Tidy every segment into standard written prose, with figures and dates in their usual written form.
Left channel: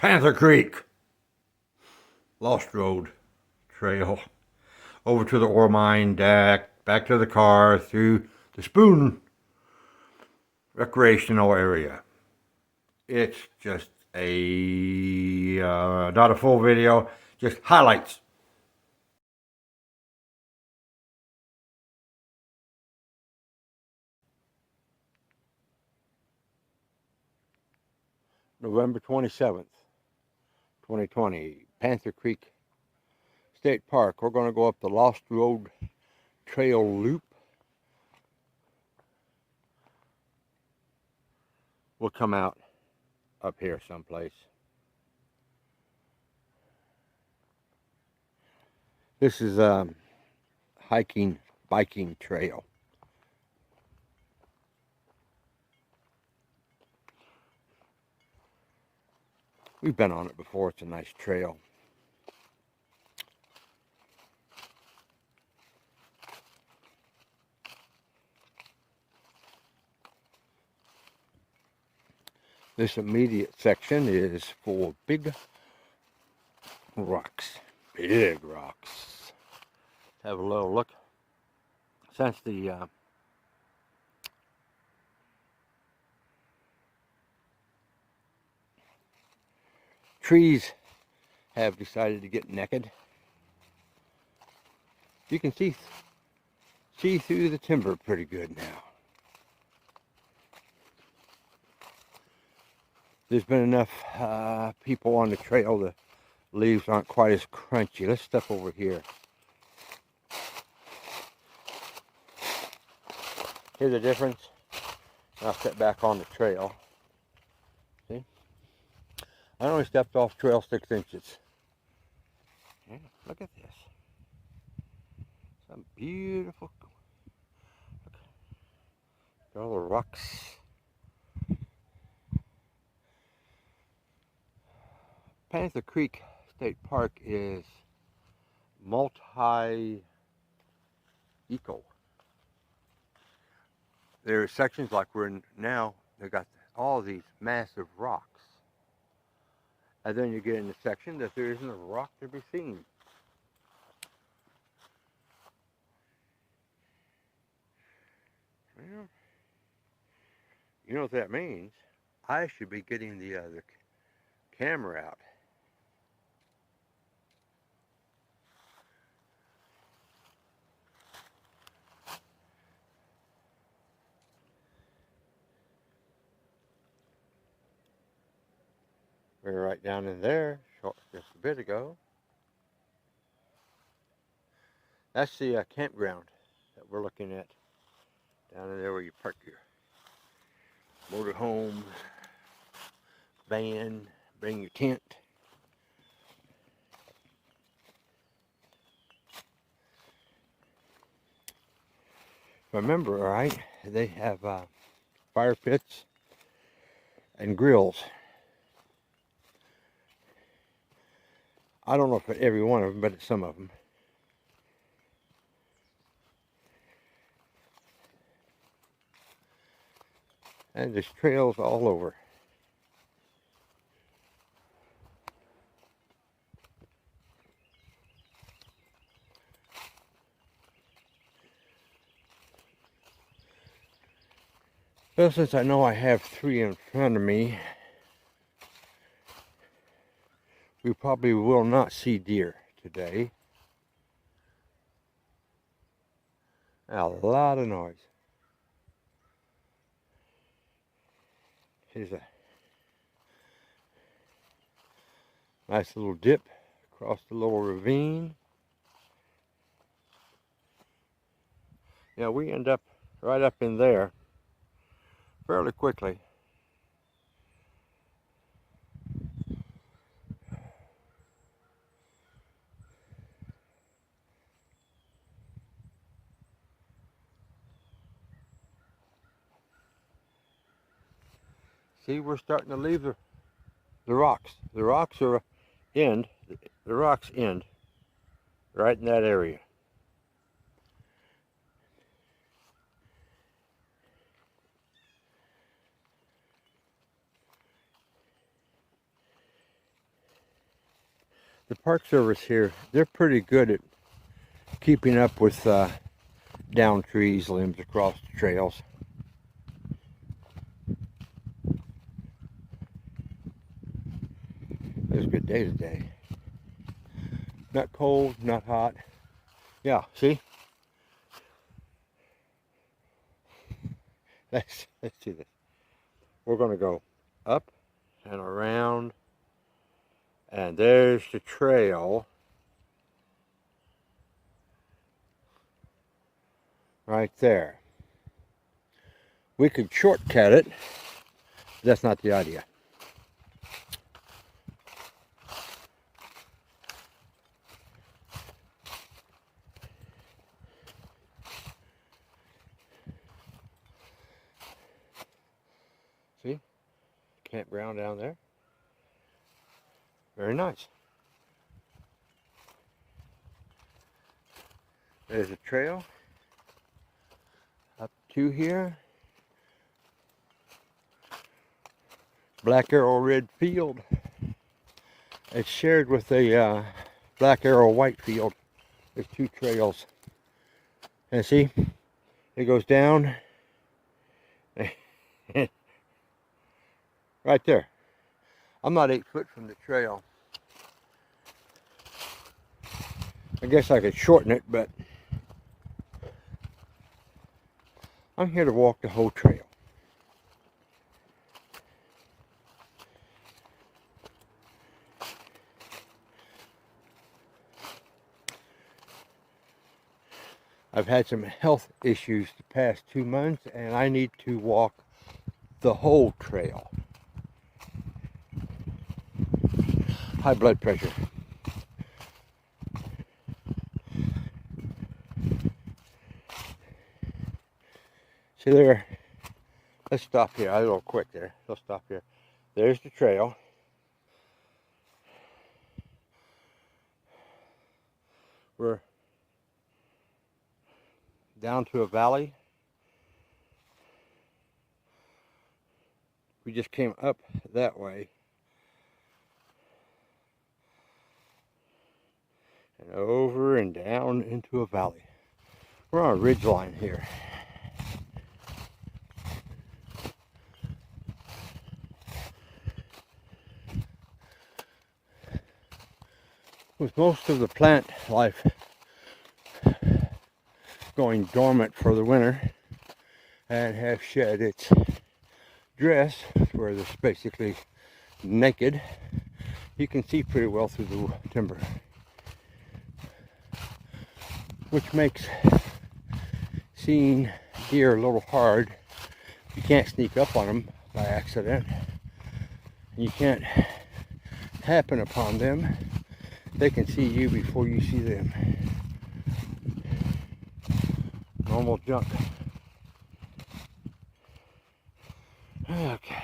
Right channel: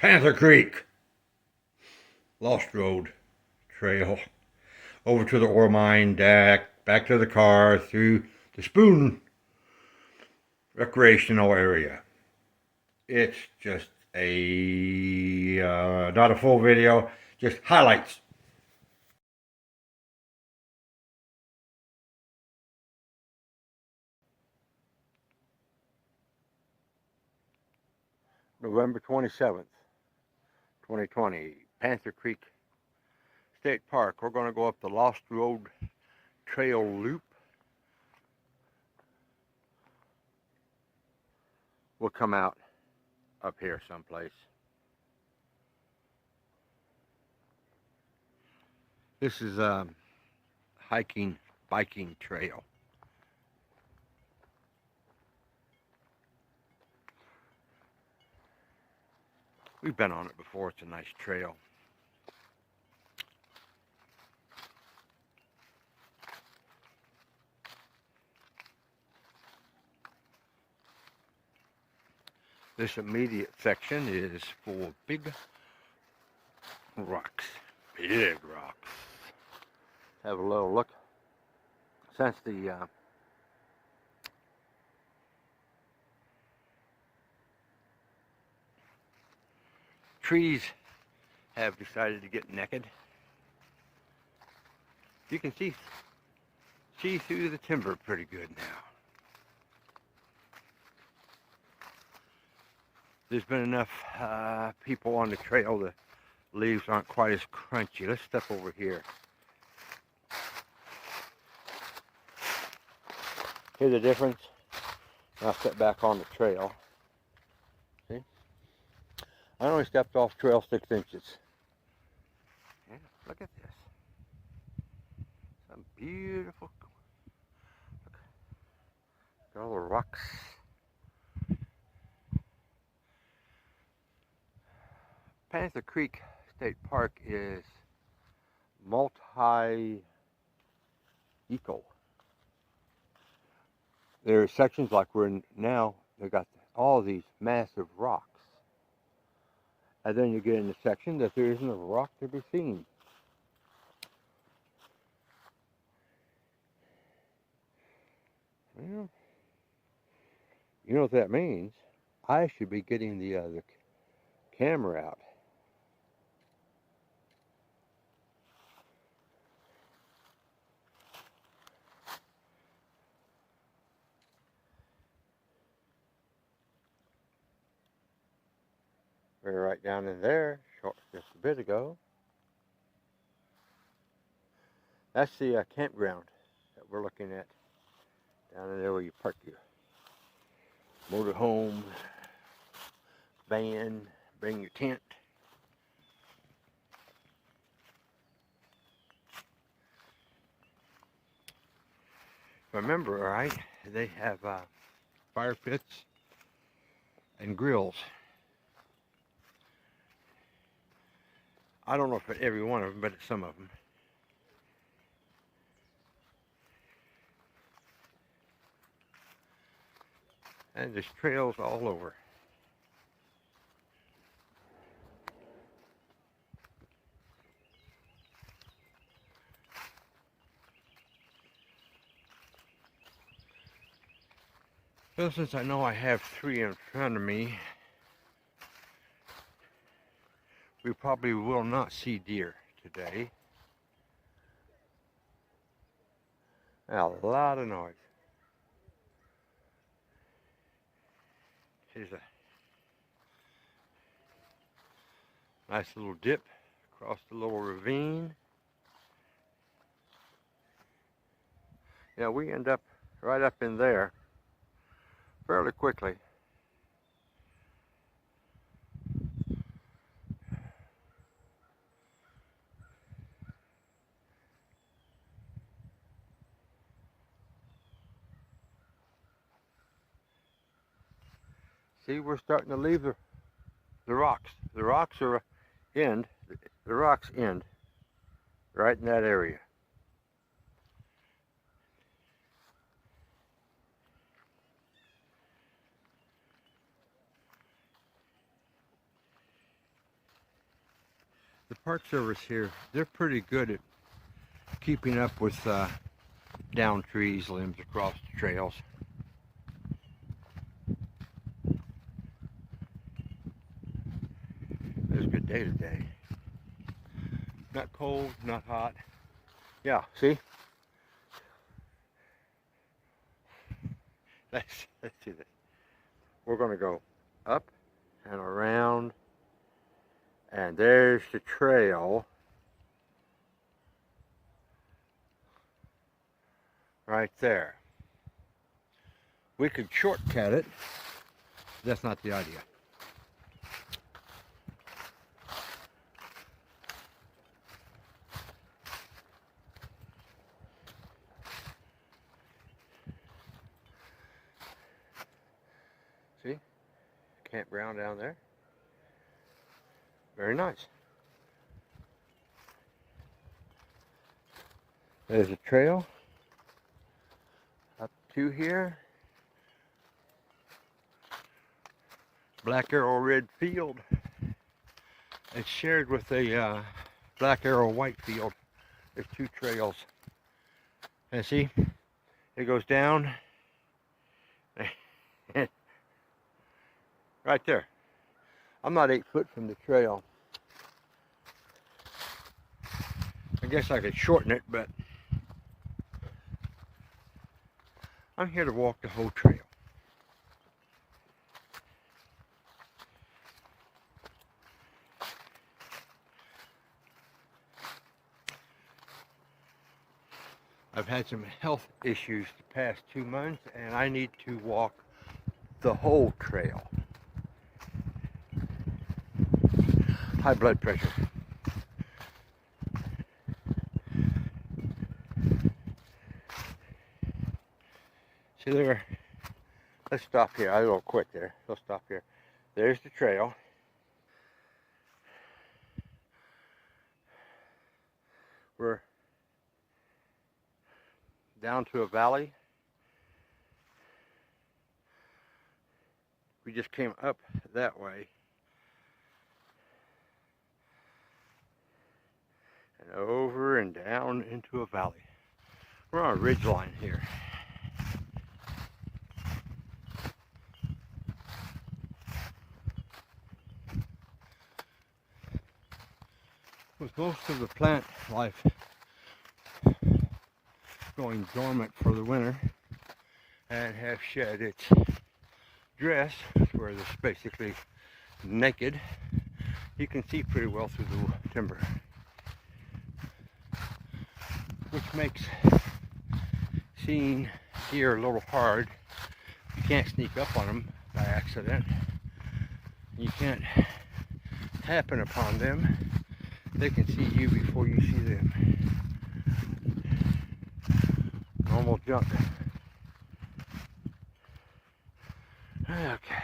Panther Creek, Lost Road Trail, over to the ore mine deck, back to the car, through the Spoon recreational area. It's just not a full video, just highlights. November 27th, 2020, Panther Creek State Park. We're going to go up the Lost Road Trail Loop. We'll come out up here someplace. This is a hiking, biking trail. We've been on it before. It's a nice trail. This immediate section is for big rocks. Big rocks. Let's have a little look. Since the trees have decided to get naked, you can see through the timber pretty good now. There's been enough people on the trail, the leaves aren't quite as crunchy. Let's step over here. Hear the difference? I'll step back on the trail. See? I only stepped off trail 6 inches. Yeah, look at this. Some beautiful, look at all the rocks. Panther Creek State Park is multi-eco. There are sections like we're in now, they've got all these massive rocks. And then you get in a section that there isn't a rock to be seen. Well, you know what that means? I should be getting the camera out. We were right down in there just a bit ago. That's the campground that we're looking at. Down in there where you park your motorhome, van, bring your tent. Remember, all right, they have fire pits and grills. I don't know if at every one of them, but at some of them. And there's trails all over. Well, since I know I have 3 in front of me, we probably will not see deer today. A lot of noise. Here's a nice little dip across the little ravine. Yeah, we end up right up in there fairly quickly. See, we're starting to leave the rocks. The rocks end right in that area. The Park Service here, they're pretty good at keeping up with down trees, limbs across the trails. It was a good day today. Not cold, not hot. Yeah, see? Let's do this. We're going to go up and around, and there's the trail right there. We could shortcut it. That's not the idea. See? Campground down there. Very nice. There's a trail up to here. Black Arrow Red Field. It's shared with a Black Arrow White Field. There's two trails. And see, it goes down right there. I'm not 8 foot from the trail. I guess I could shorten it, but I'm here to walk the whole trail. I've had some health issues the past 2 months, and I need to walk the whole trail. High blood pressure. See there, let's stop here. I was a little quick there. Let's stop here. There's the trail. We're down to a valley. We just came up that way. And over and down into a valley. We're on a ridge line here. With most of the plant life going dormant for the winter and have shed its dress, where it's basically naked, you can see pretty well through the timber, which makes seeing deer a little hard. You can't sneak up on them by accident. You can't happen upon them. They can see you before you see them. Normal junk. Okay.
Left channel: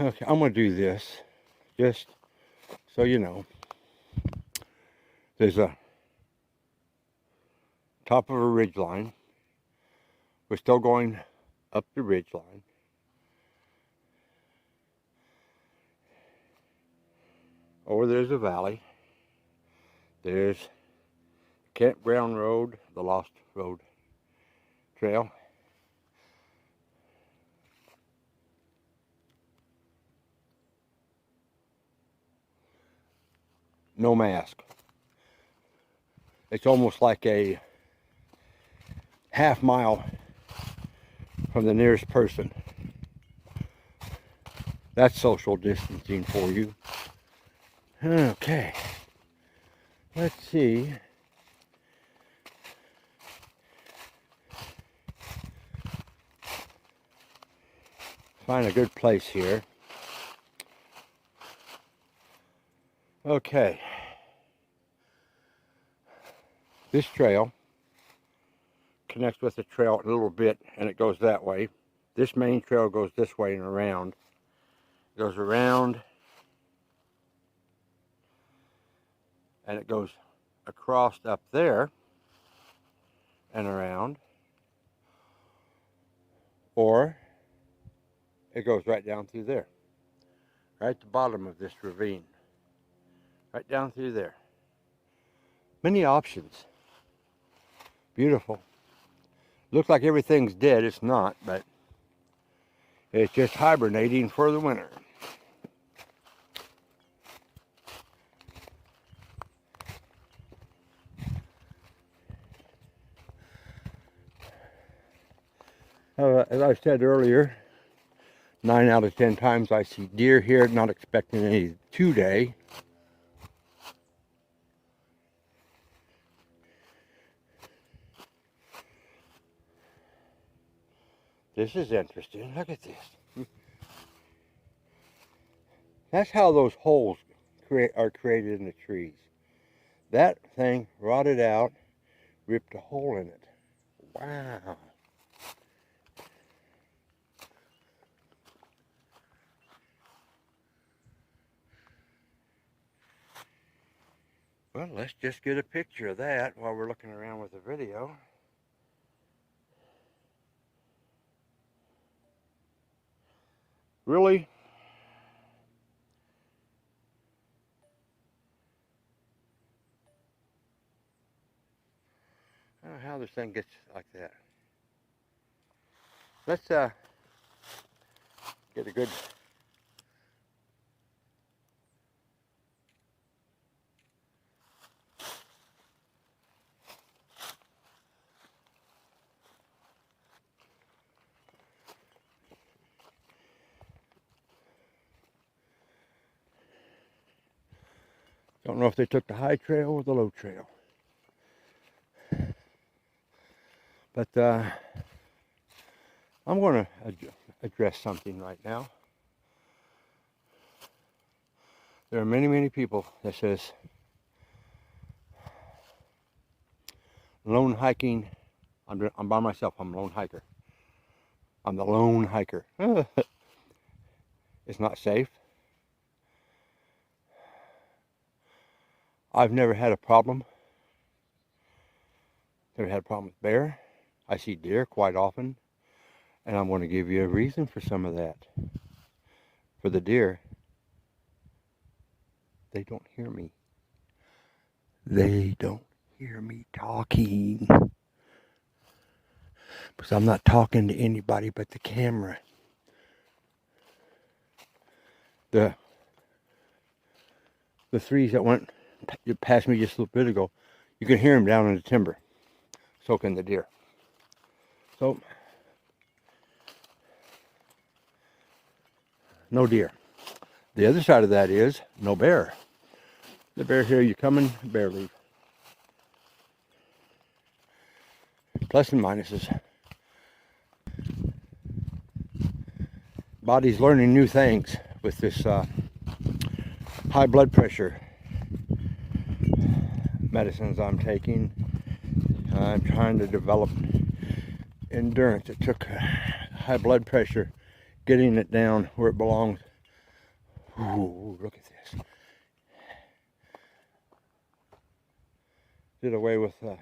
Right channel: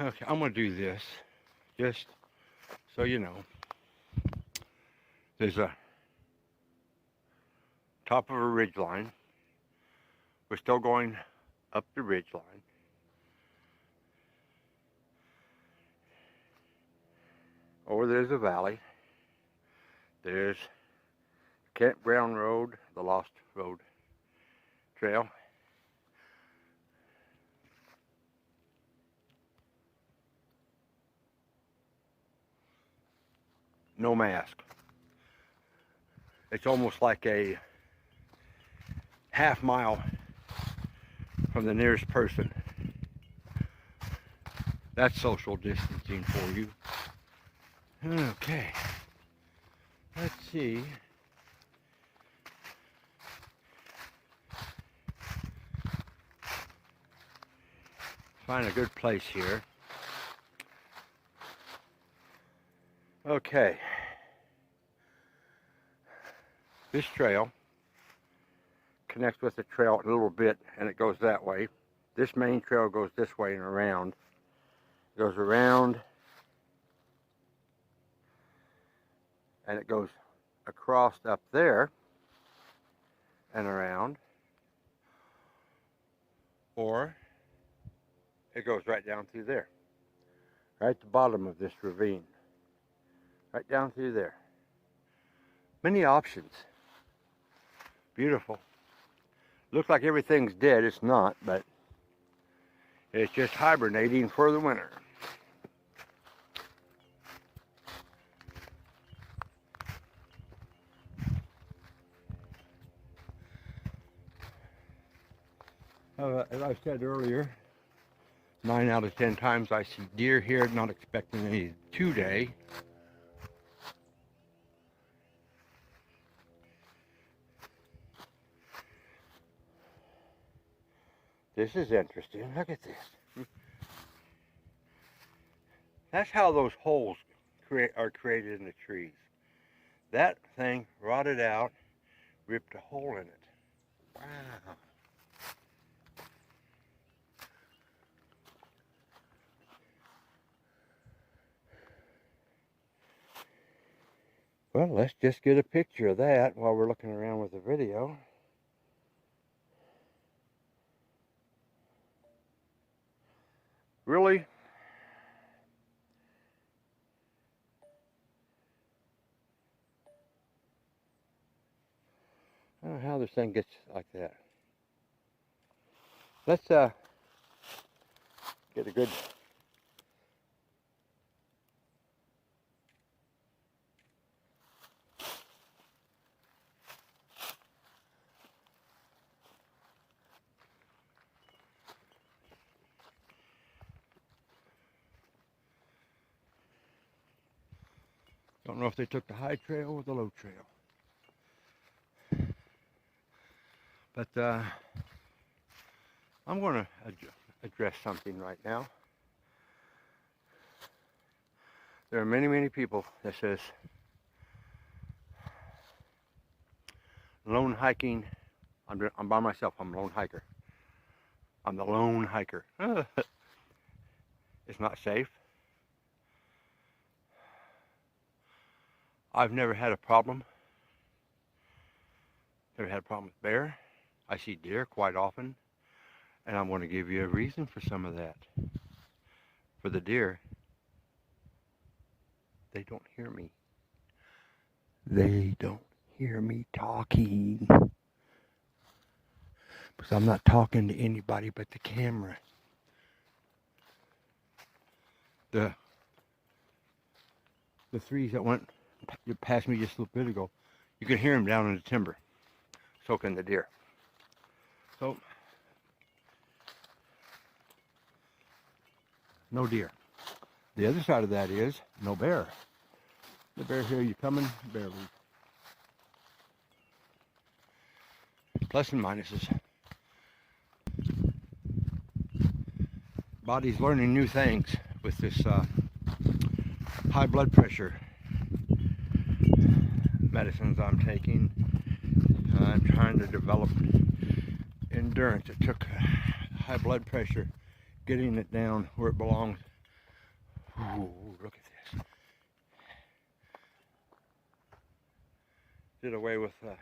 Okay, I'm going to do this just so you know. There's a top of a ridge line. We're still going up the ridge line. Over there's a valley. There's Campground Road, the Lost Road Trail. No mask. It's almost like a half mile from the nearest person. That's social distancing for you. Okay. Let's see. Find a good place here. Okay. This trail connects with the trail a little bit, and it goes that way. This main trail goes this way and around. It goes around, and it goes across up there and around, or it goes right down through there, right at the bottom of this ravine, right down through there. Many options. Beautiful. Looks like everything's dead. It's not, but it's just hibernating for the winter. As I said earlier, 9 out of 10 times I see deer here, not expecting any today. This is interesting. Look at this. That's how those holes are created in the trees. That thing rotted out, ripped a hole in it. Wow. Well, let's just get a picture of that while we're looking around with the video. Really? I don't know how this thing gets like that. Let's get a good don't know if they took the high trail or the low trail. But I'm going to address something right now. There are many, many people that says lone hiking, I'm by myself, I'm a lone hiker. I'm the lone hiker. It's not safe. I've never had a problem. Never had a problem with bear. I see deer quite often, and I'm going to give you a reason for some of that. For the deer, they don't hear me. They don't hear me talking. Because I'm not talking to anybody but the camera. The threes that went past me just a little bit ago, you can hear them down in the timber, soaking the deer. So, no deer. The other side of that is no bear. The bear here, you coming, bear leave. Plus and minuses. Body's learning new things with this high blood pressure medicines I'm taking. I'm trying to develop endurance. It took high blood pressure, getting it down where it belongs. Ooh, look at this. Did away with a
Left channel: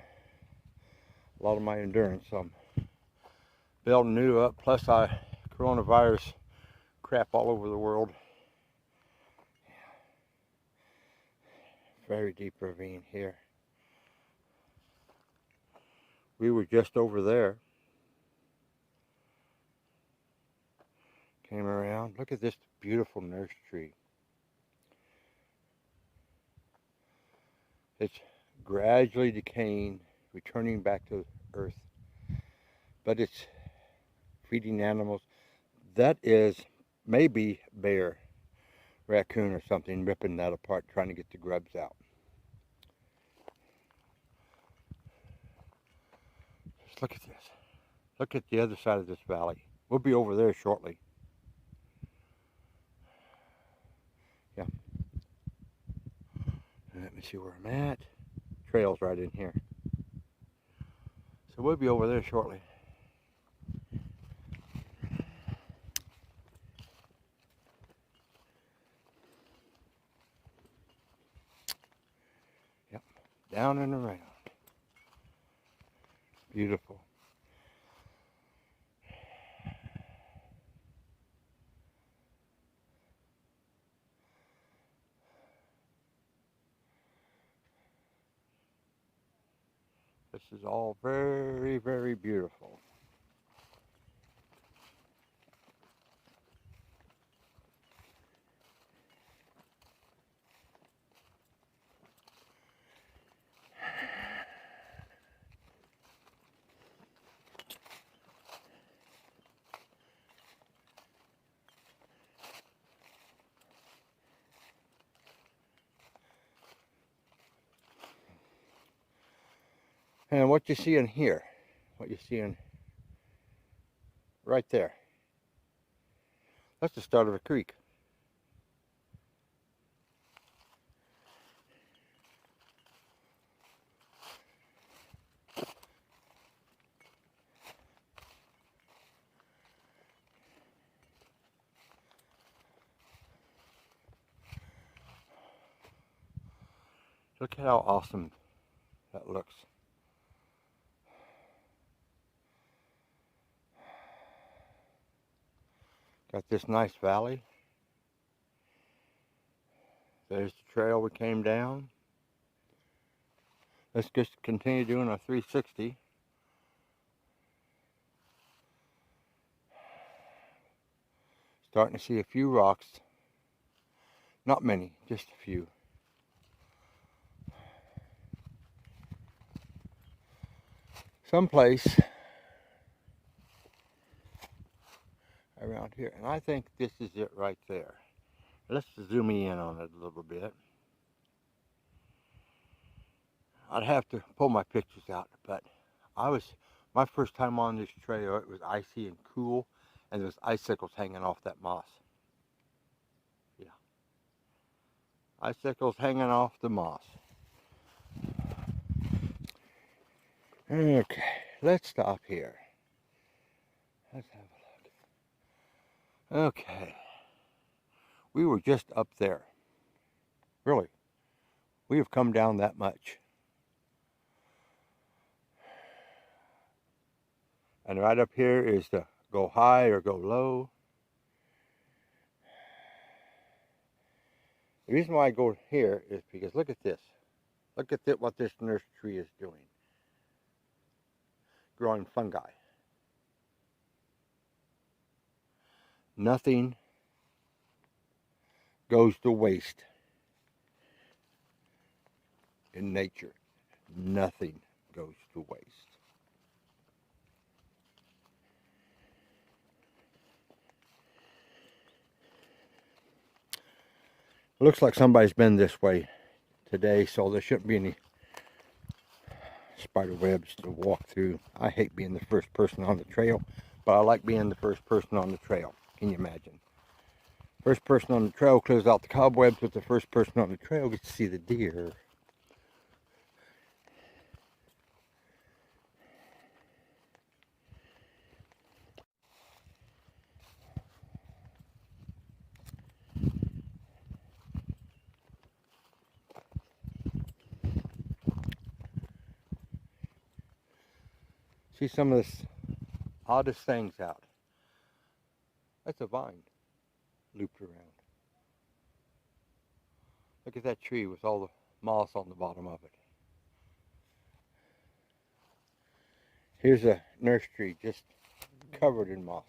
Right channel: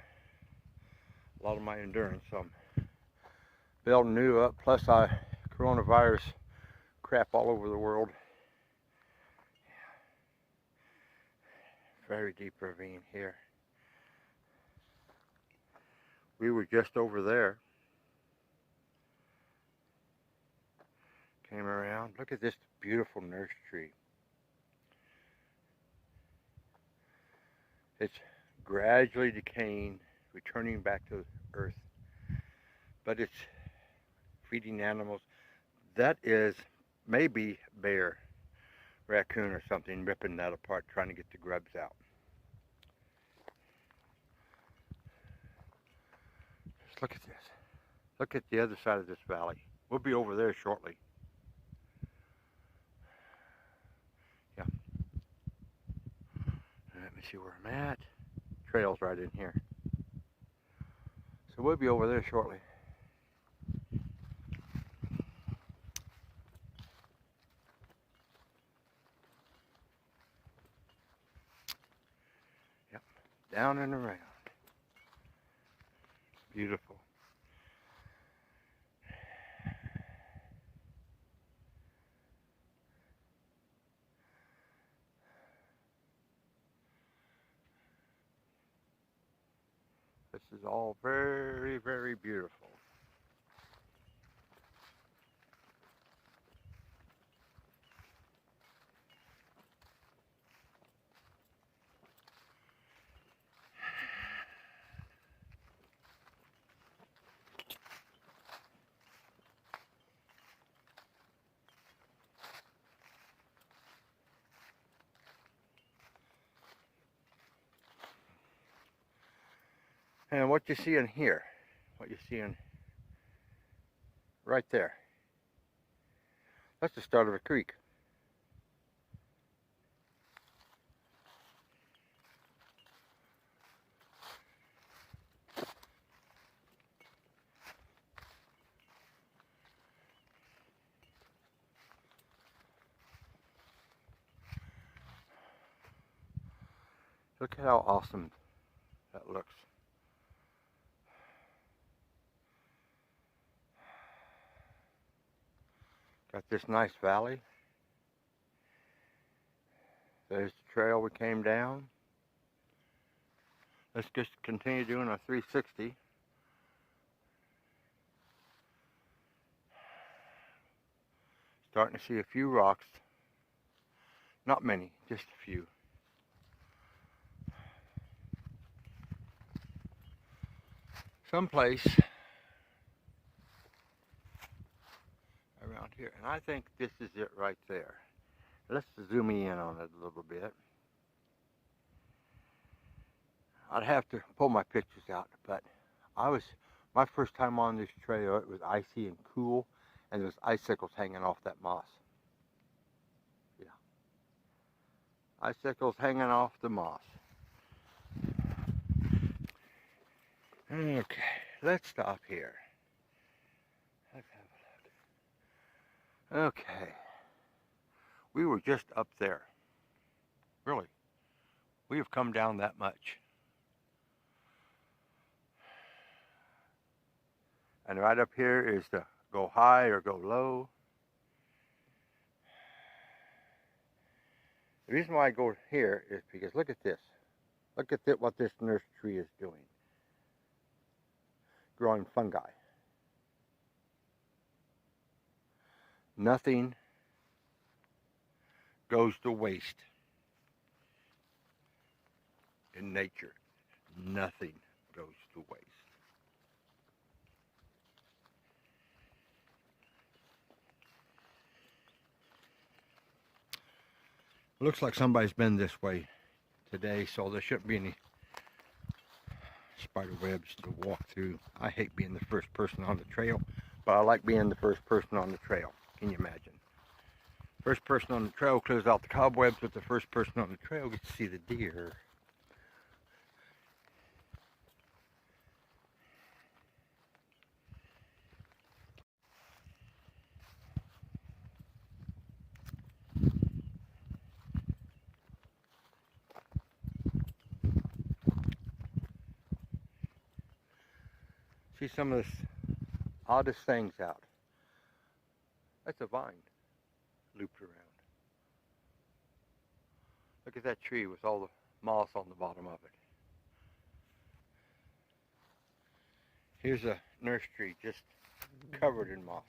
lot of my endurance. I'm building new up. Plus, coronavirus crap all over the world. Very deep ravine here. We were just over there. Came around. Look at this beautiful nurse tree. It's gradually decaying, returning back to earth. But it's feeding animals. That is maybe bear, raccoon or something, ripping that apart, trying to get the grubs out. Just look at this. Look at the other side of this valley. We'll be over there shortly. Yeah. Let me see where I'm at. Trail's right in here. So we'll be over there shortly. Yep. Down and around. Beautiful. This is all very, very beautiful. And what you see in here, what you see in right there, that's the start of a creek. Look at how awesome that looks. Got this nice valley. There's the trail we came down. Let's just continue doing our 360. Starting to see a few rocks. Not many, just a few. Someplace around here, and I think this is it right there. Let's zoom in on it a little bit. I'd have to pull my pictures out, but my first time on this trail, it was icy and cool, and there was icicles hanging off that moss. Yeah. Icicles hanging off the moss. Okay, let's stop here. Let's have a look. Okay. We were just up there. Really. We have come down that much. And right up here is the go high or go low. The reason why I go here is because look at this. Look at what this nurse tree is doing. Growing fungi. Nothing goes to waste in nature. Nothing goes to waste. It looks like somebody's been this way today, so there shouldn't be any spider webs to walk through. I hate being the first person on the trail, but I like being the first person on the trail. Can you imagine? First person on the trail clears out the cobwebs, but the first person on the trail gets to see the deer. See some of the oddest things out. That's a vine looped around. Look at that tree with all the moss on the bottom of it. Here's a nurse tree just covered in moss.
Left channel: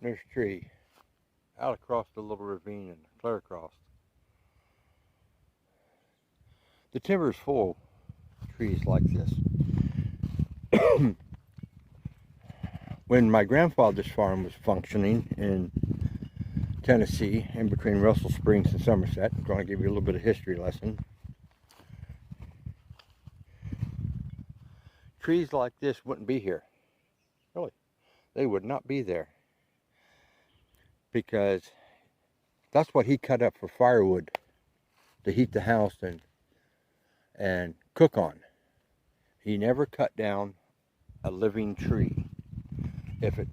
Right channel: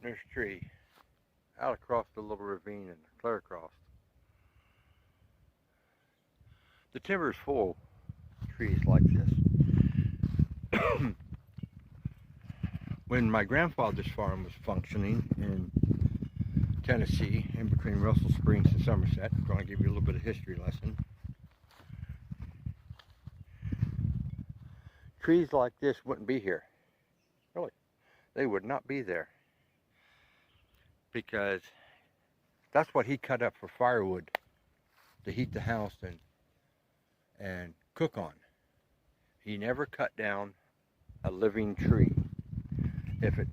Nurse tree out across the little ravine and clear across. The timber is full of trees like this. When my grandfather's farm was functioning in Tennessee, in between Russell Springs and Somerset, I'm going to give you a little bit of history lesson. Trees like this wouldn't be here. Really. They would not be there. Because that's what he cut up for firewood to heat the house and cook on. He never cut down a living tree. If it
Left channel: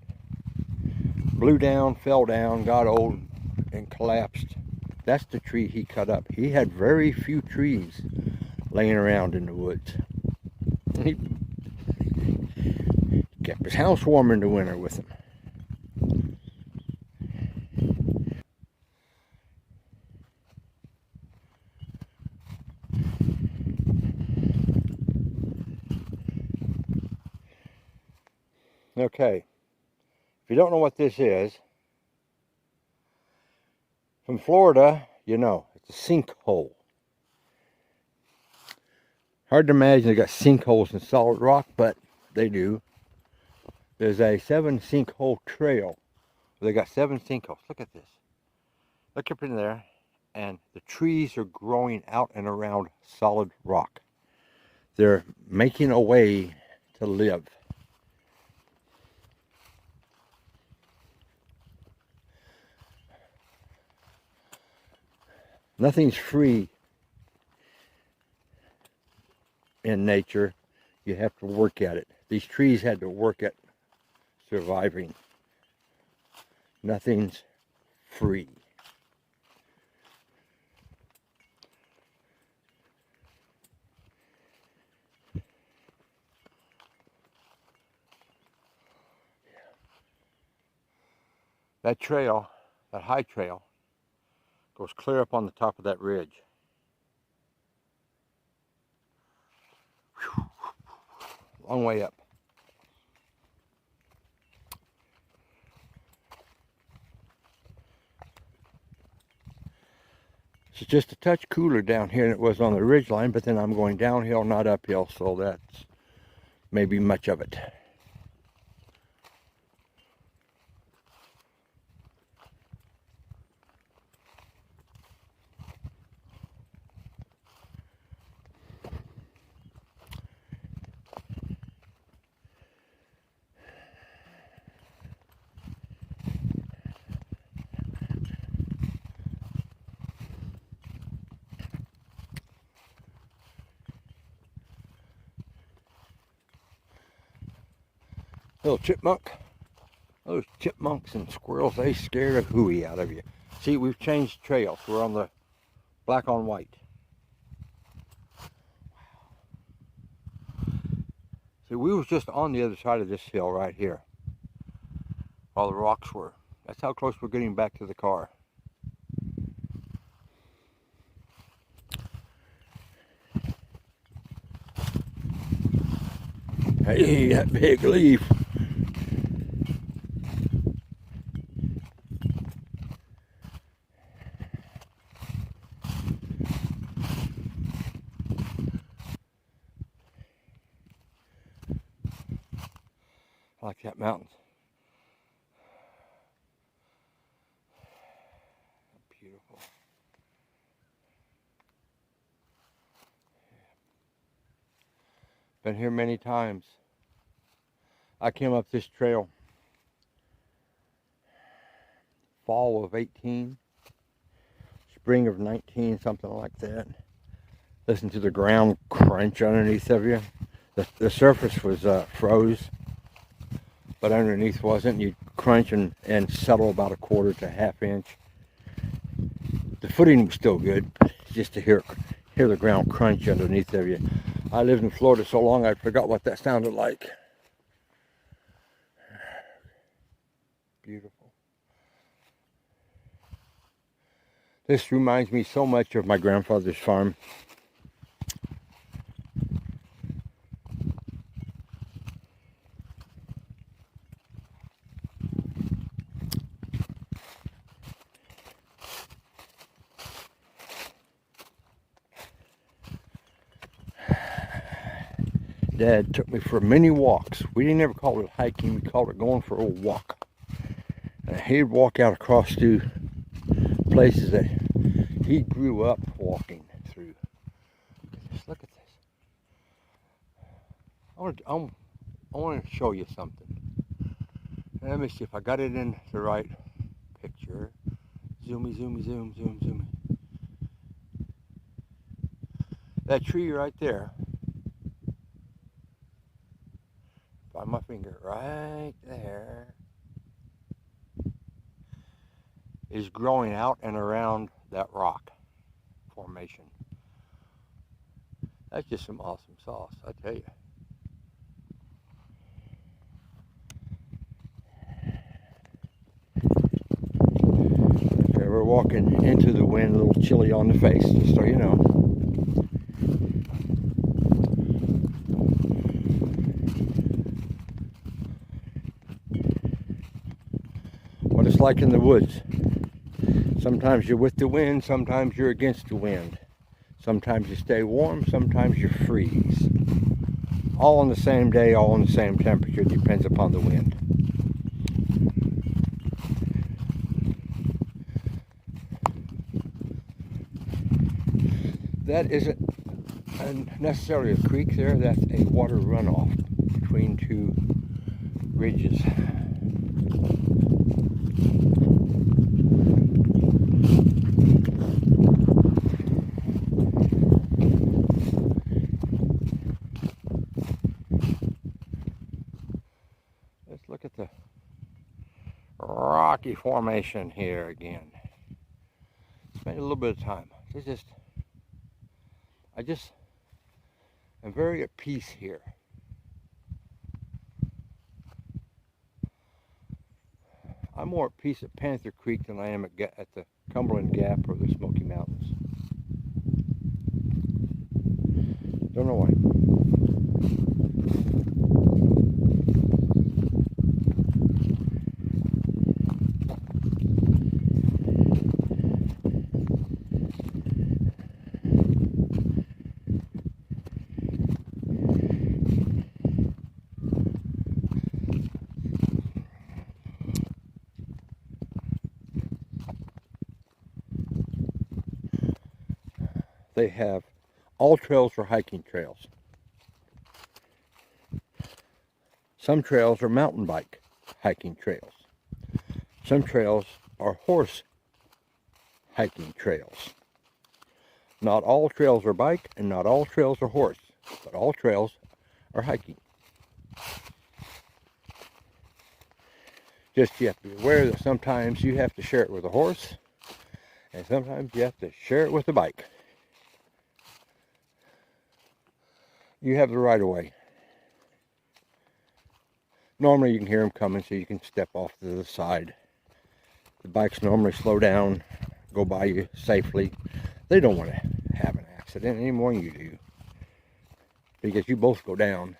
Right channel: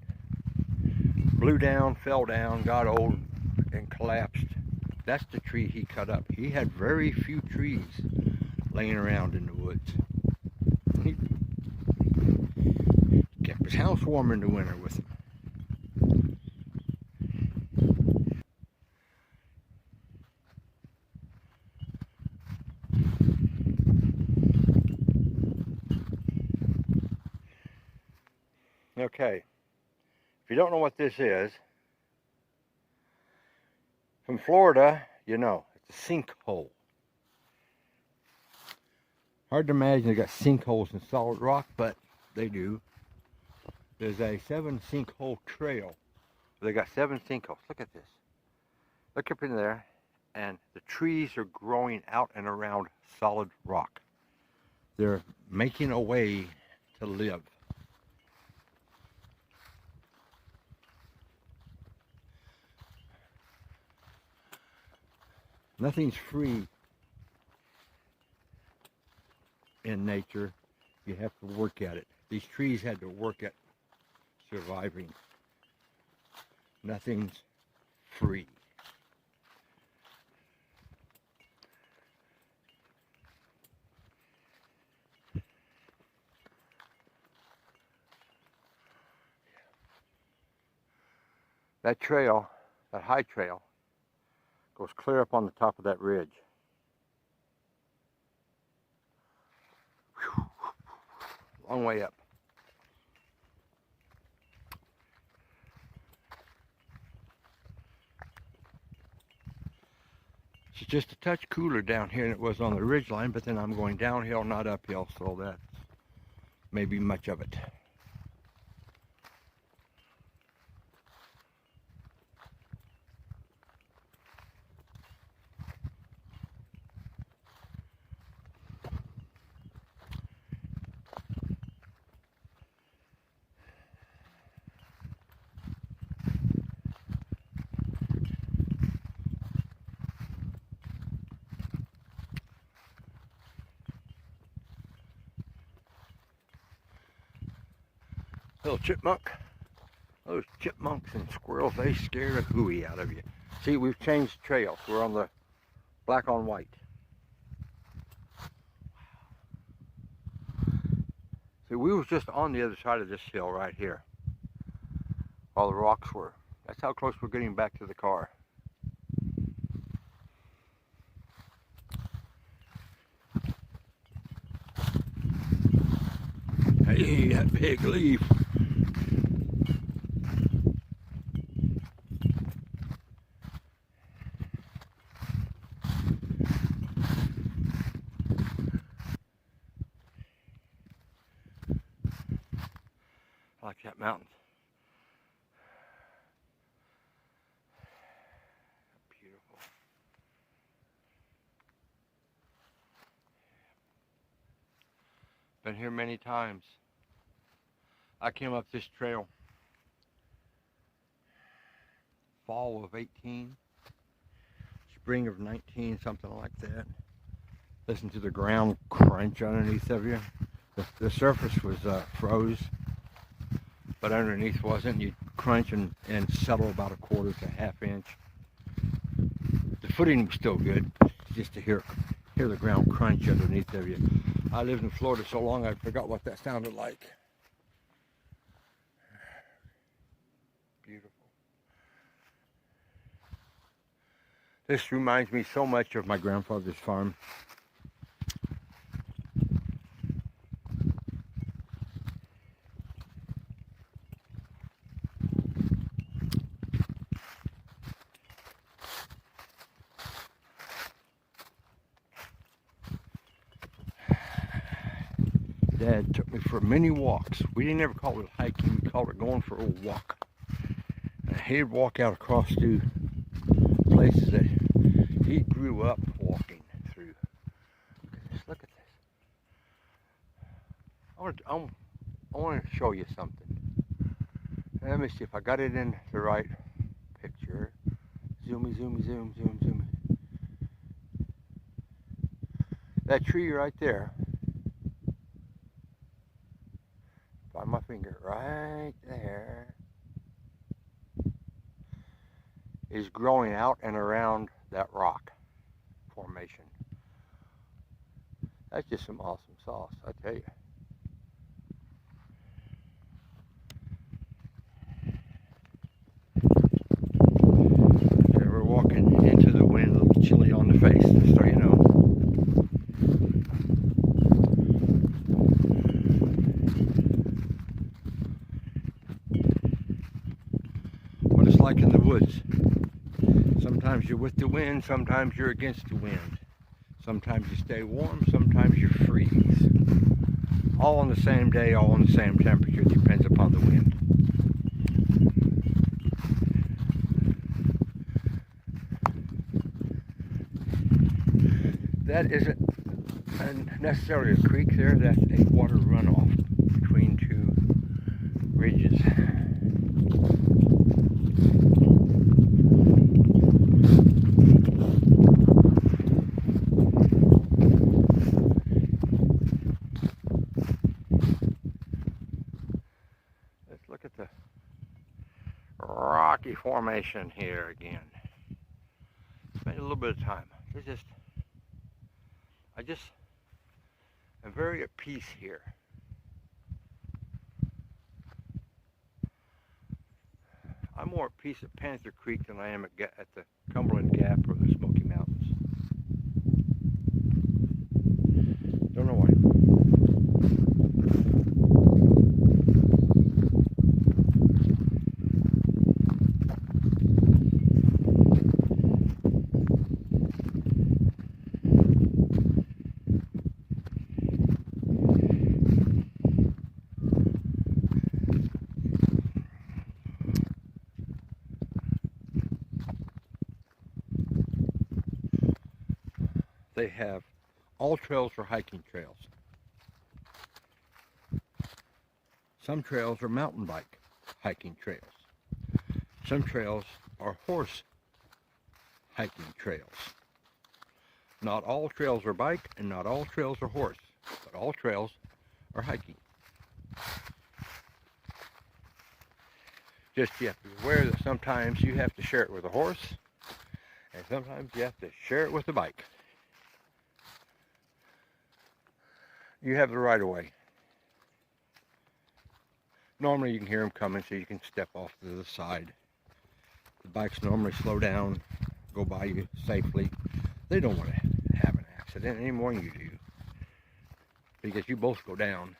blew down, fell down, got old, and collapsed, that's the tree he cut up. He had very few trees laying around in the woods. He kept his house warm in the winter with them. Okay, if you don't know what this is, from Florida, you know, it's a sinkhole. Hard to imagine they got sinkholes in solid rock, but they do. There's a 7 sinkhole trail. They got 7 sinkholes. Look at this. Look up in there, and the trees are growing out and around solid rock. They're making a way to live. Nothing's free in nature. You have to work at it. These trees had to work at surviving. Nothing's free. That trail, that high trail, goes clear up on the top of that ridge. Whew. Long way up. It's just a touch cooler down here than it was on the ridge line, but then I'm going downhill, not uphill, so that's maybe much of it. Little chipmunk. Those chipmunks and squirrels, they scare the hooey out of you. See, we've changed trails. We're on the black on white. See, we was just on the other side of this hill right here, while the rocks were. That's how close we're getting back to the car. Hey, that big leaf. I like that mountain. Beautiful. Been here many times. I came up this trail fall of 18, spring of 19, something like that. Listen to the ground crunch underneath of you. The surface was froze, but underneath wasn't. You'd crunch and settle about a quarter to a half inch. The footing was still good, just to hear the ground crunch underneath of you. I lived in Florida so long I forgot what that sounded like. Beautiful. This reminds me so much of my grandfather's farm. Dad took me for many walks. We didn't ever call it hiking, we called it going for a walk. He'd walk out across to places that he grew up walking through. Look at this. I want to show you something. Let me see if I got it in the right picture. Zoomy, zoomy, zoom, zoom, zoom. That tree right there, by my finger right there, is growing out and around that rock formation. That's just some awesome sauce, I tell you. So we're walking into the wind, a little chilly on the face, just so you know. like in the woods. Sometimes you're with the wind, sometimes you're against the wind. Sometimes you stay warm, sometimes you freeze. All on the same day, all on the same temperature, depends upon the wind. That isn't necessarily a creek there, that's a water runoff between two ridges. Let's look at the rocky formation here again. Spend a little bit of time. I'm very at peace here. I'm more at peace at Panther Creek than I am at the Cumberland Gap or the Smoky Mountains. Don't know why. They have all trails are hiking trails. Some trails are mountain bike hiking trails. Some trails are horse hiking trails. Not all trails are bike and not all trails are horse, but all trails are hiking. Just you have to be aware that sometimes you have to share it with a horse and sometimes you have to share it with a bike. You have the right of way. Normally you can hear them coming so you can step off to the side. The bikes normally slow down, go by you safely. They don't want to have an accident any more than you do, because you both go down.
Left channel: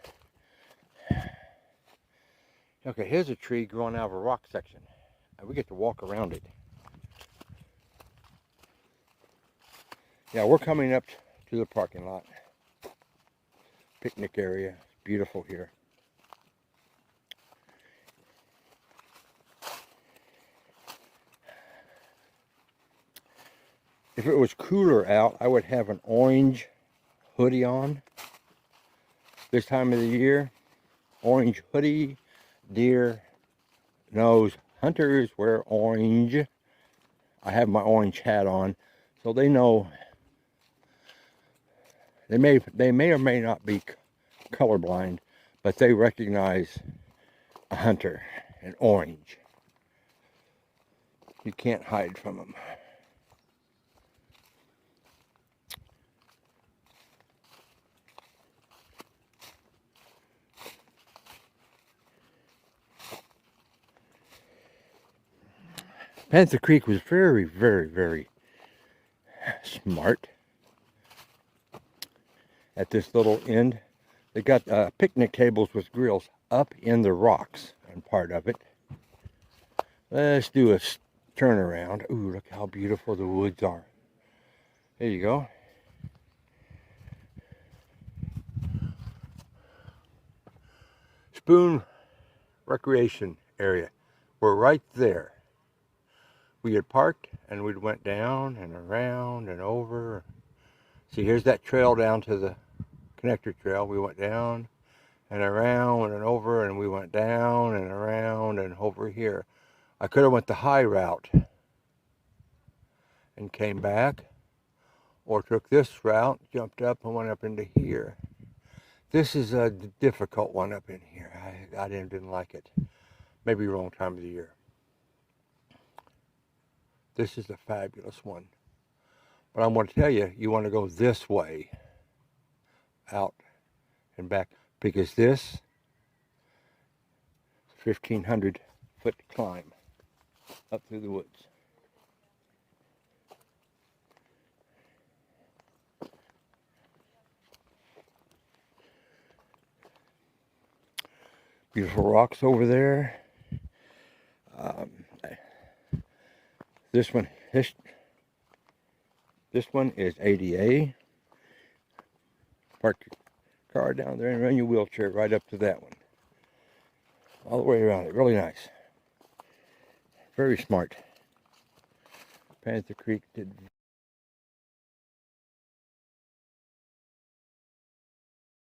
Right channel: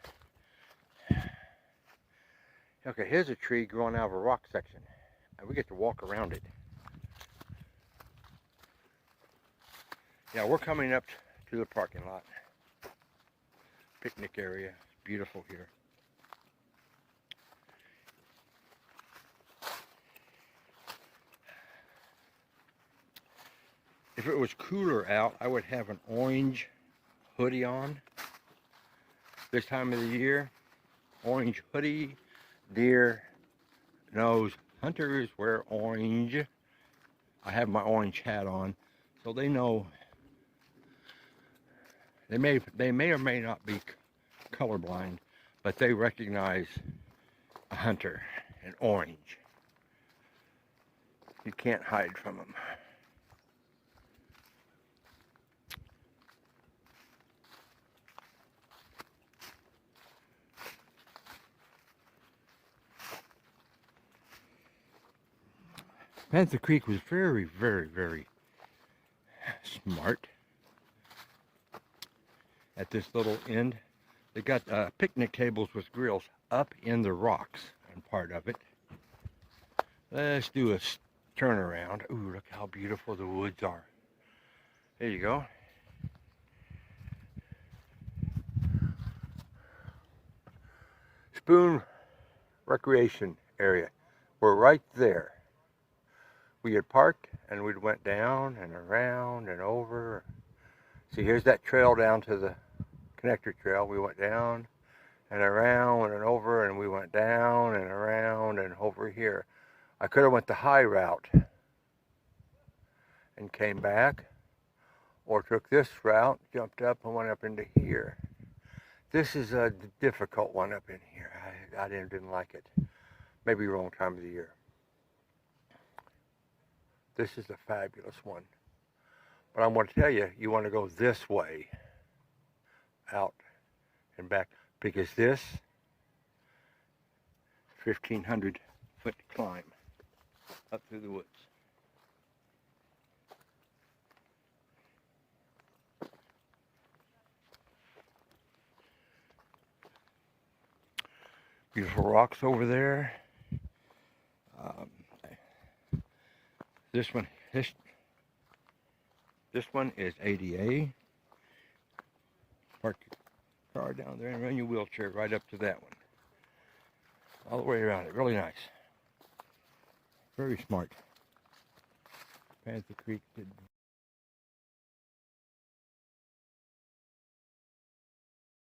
Okay, here's a tree growing out of a rock section, and we get to walk around it. Yeah, we're coming up to the parking lot. Picnic area, beautiful here. If it was cooler out, I would have an orange hoodie on. This time of the year, orange hoodie, deer nose. Hunters wear orange. I have my orange hat on, so they know. They may or may not be colorblind, but they recognize a hunter in orange. You can't hide from them. Panther Creek was very, very, very smart at this little end. They got picnic tables with grills up in the rocks on part of it. Let's do a turnaround. Ooh, look how beautiful the woods are. There you go. Spoon Recreation Area. We're right there. We had parked and we went down and around and over. See, here's that trail down to the connector trail. We went down and around and over, and we went down and around and over here. I could have went the high route and came back, or took this route, jumped up and went up into here. This is a difficult one up in here. I didn't like it. Maybe wrong time of the year. This is a fabulous one. But I want to tell you, you want to go this way, out and back, because this 1,500-foot climb up through the woods. Beautiful rocks over there. This one is ADA. Park your car down there and run your wheelchair right up to that one. All the way around it. Really nice. Very smart. Panther Creek did